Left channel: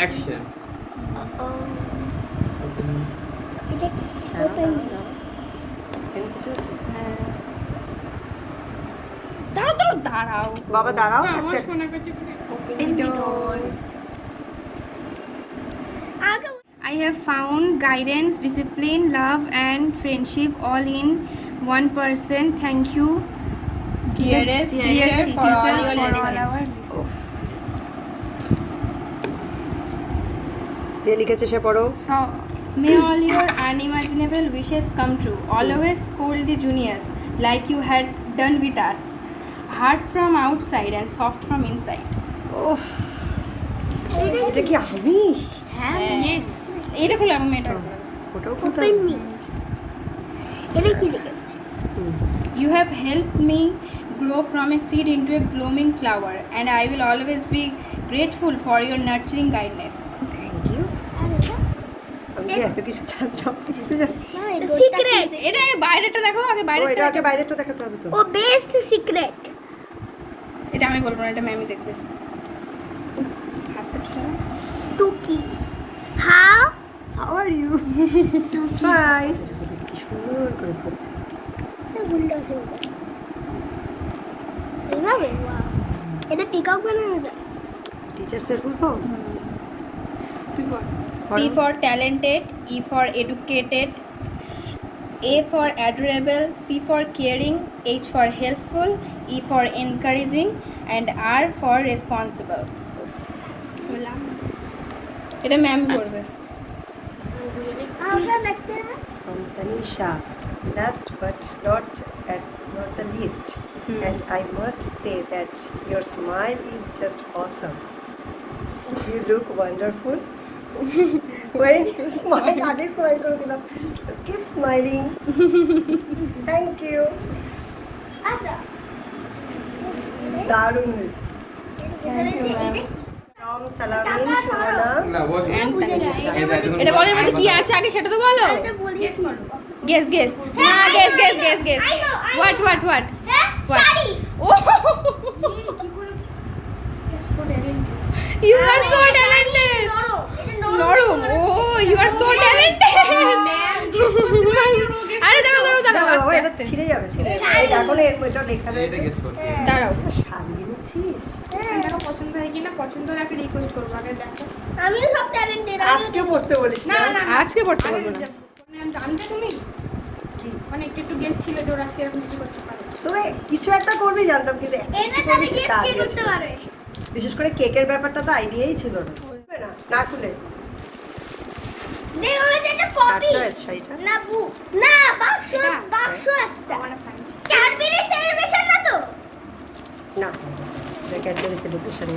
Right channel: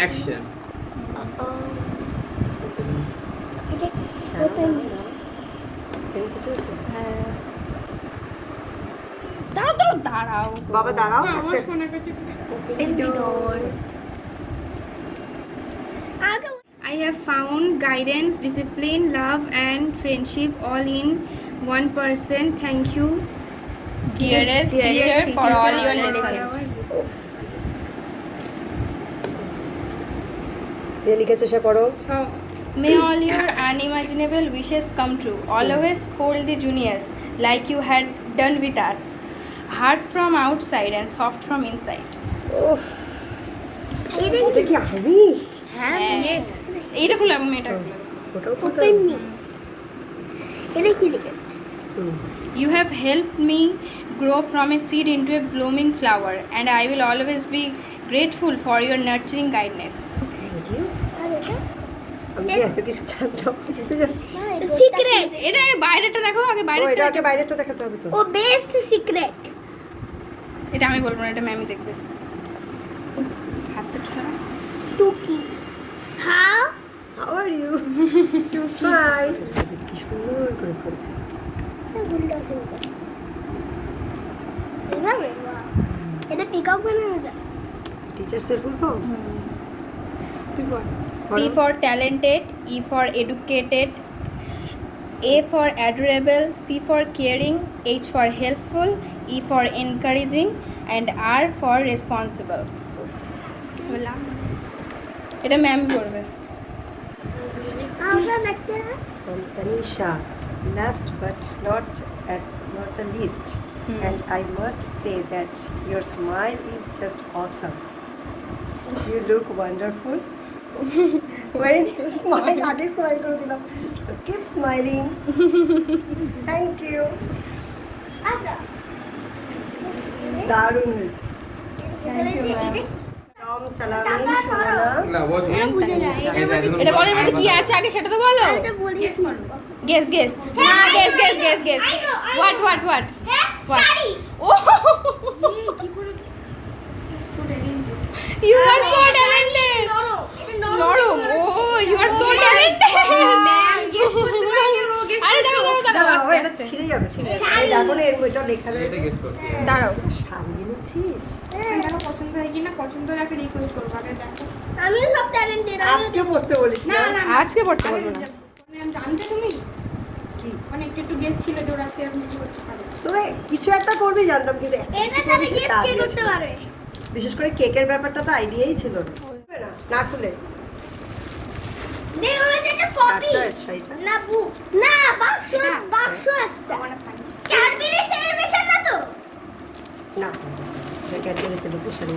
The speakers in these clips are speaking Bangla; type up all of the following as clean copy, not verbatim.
অ্যাকশন। এটা ওপেন কিছু হচ্ছে? দাঁড়াও বাবা দাঁড়াও, Open the door. I have found guidance, discipline, love, and friendship all in one person. Thank you, dearest teacher, for all your lessons. যে লিখেছে সে পড়ো। So, may all your unimaginable wishes come true. Always scold the juniors like you had done with us. Hard from outside and soft from inside. উফ, এটা কি আমি? Yes. এটা খুললাম আমি এটা খুললাম। ওটাও পড়তে Open হবে? me. এটা কি লিখেছে? হুম। You have helped me grow from a seed into a blooming flower, and I will always be grateful for your nurturing kindness. Thank you. আর এটা? আমি কি এত কিছু জানতাম? সিক্রেট। এটা আগে বাইরেটা দেখো, আগে ও, এটা বাইরেটা। আগে বাইরেটা দেখাতে হবে তো। ও বেস্ট সিক্রেট। এটা আমি বলবো না, এটা ম্যামই দেখবে। হাতটা ছাড়া। টুকি। How? How are you? Hi. সুন্দর করে করছে। এটা পিকক বানানো যায়। টিচার্সের ফুল ফর্ম? কি বল? T for talented, E for educated, A for adorable, C for caring, H for helpful, E for encouraging, and R for responsible. এটা ম্যাম করবে। আমরা দেখতে না। From Tanisha. Last but not the least. And I must say that your smile is just awesome. You look wonderful. When you smile, I smile kore dilam. So keep smiling. Thank you. আচ্ছা। দারুণ হয়েছে। Thank you, ma'am. From Salamin, Shona. না ও এটা বুঝে যায়। এটা বলে মানে কি আছে আগে সেটা তো বলো। এটা বলি। Guess. না, guess. What? হ্যাঁ, What? Sari. Oh, you are so talented. নরম। এটা নরম। নরম। Oh, you are so talented. Ma'am guess করতে পারছে ও গেস। আরে দাঁড়াও, দাঁড়াও, এটা আস্তে। ছিঁড়ে যাবে। শাড়ি। এখন এর মধ্যে লেখা এটা রয়েছে। গেস করতে হবে। দাঁড়াও। শাড়ি এনেছিস? এটা পছন্দ হয় কিনা পছন্দ হলে একটা রিকোয়েস্ট করব আগে দেখো। আমিও সব ট্যালেন্টেড। আজকে পড়তে বলিস না? আজকে পড়তে বলবো না। জানতে তুমি কি? মানে একটু গেস ছিল যে ওরা সেরকম কিছু করতে পারে। তবে কিছু একটা করবি জানতাম, কিন্তু এত এটা কিছু তাহলে করবি গেস সেটা কে idea করতে ছিল না। পারবে? বিশেষ করে কেকের ব্যাপারটা তো আইডিয়াই ছিল না। না খুলে দেখো এটা একটা কপি। আচ্ছা শাড়িটা না বুক। না বাক্স একটা। ক্যাডবেরি সেলিব্রেশন না তো? না, এটা ক্যাডবেরি সেলিব্রেশন শাড়ি।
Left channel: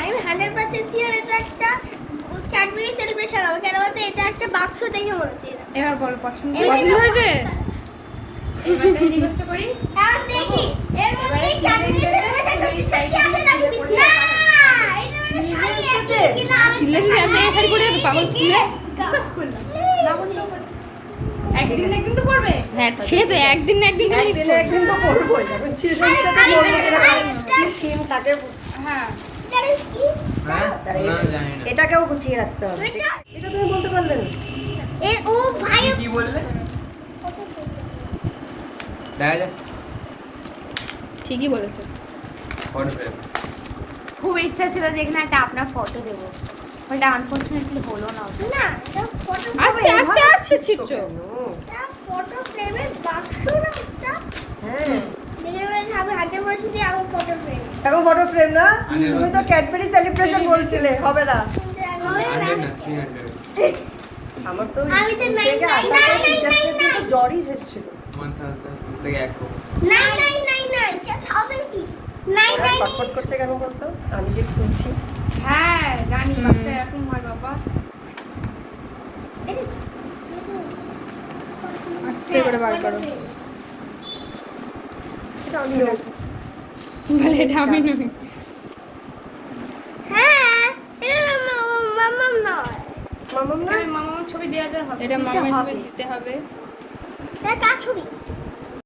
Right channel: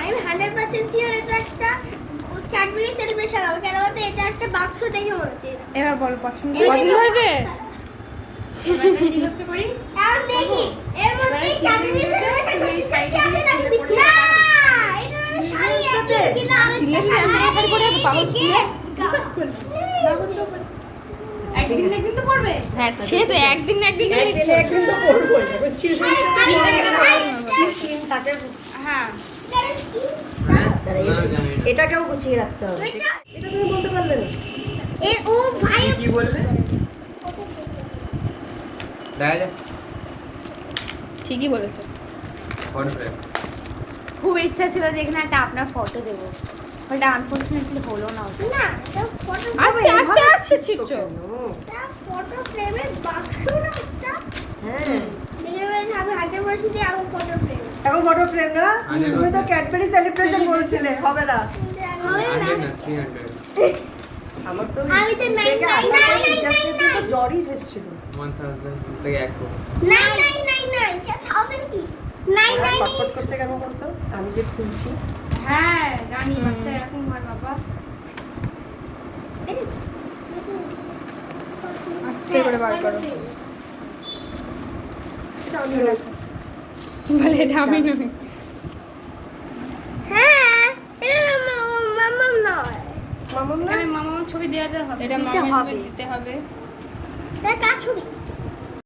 আমি 100% শিওর এটা একটা ক্যাডবেরি সেলিব্রেশন হবে, কেন বলতে এটা একটা বাক্স দেখে মনে হচ্ছে এটা। এবার বলো পছন্দ এই পছন্দ দেখো। হয়েছে? এবার আমি রিকোয়েস্ট করি এখন দেখি এর মধ্যে ক্যাডবেরি সেলিব্রেশন সত্যি আছে নাকি বিক্রি? না এটা শাড়ি আছে কিনা চিল্লে চিল্লে এক জায়গায় শাড়ি পরে আছে পাগল স্কুলে। রিকোয়েস্ট করি না বুঝতে পারি একদিন না একদিন তো পড়বে। হ্যাঁ সে তো একদিন না একদিন মিস একদিন একদিন তো করবোই। থাকে। হ্যাঁ হ্যাঁ? তাহলে না, আমি জানি না। এটাকেও গুছিয়ে রাখতে হবে। এটা তুমি বলতে পারলে না? এ ও ভাই কি বললে? দেখা যাক। ঠিকই বলেছে। পড়বে। খুব ইচ্ছা ছিল যে এখানে একটা আপনার ফটো দেব, ওটা আনফরচুনেটলি হলো না। না এটা ফটো আস্তে ছিপছো। ফটো ফ্রেমের বাক্স না এটা। হ্যাঁ। দেখে আমি হাতে বসে দিয়ে এখন ফটো ফ্রেম। এখন ফটো ফ্রেম না? আরে তুমি তো ক্যাডবেরি সেলিব্রেশন বলছিলে, হবে না। 100 না 300 আমার তো আমি তো স্কুল থেকে আসার পর টিচারদের তো জ্বরই এসেছিল। 1000 থেকে 1 কোটি। নাই এটা 1000 কি? ওরা ছটফট করছে কেন বলতো? আমি যে খুলছি। হ্যাঁ জানি বাচ্চা এরকম হয় বাবা। আস্তে করে বার করো। বলে এটা আমি না। হ্যাঁ এটা মাম্মা নয়। মামাম না? এখানে মামার ছবি দেওয়া হবে। এটা মামার দিতে হবে। এটা কার ছবি?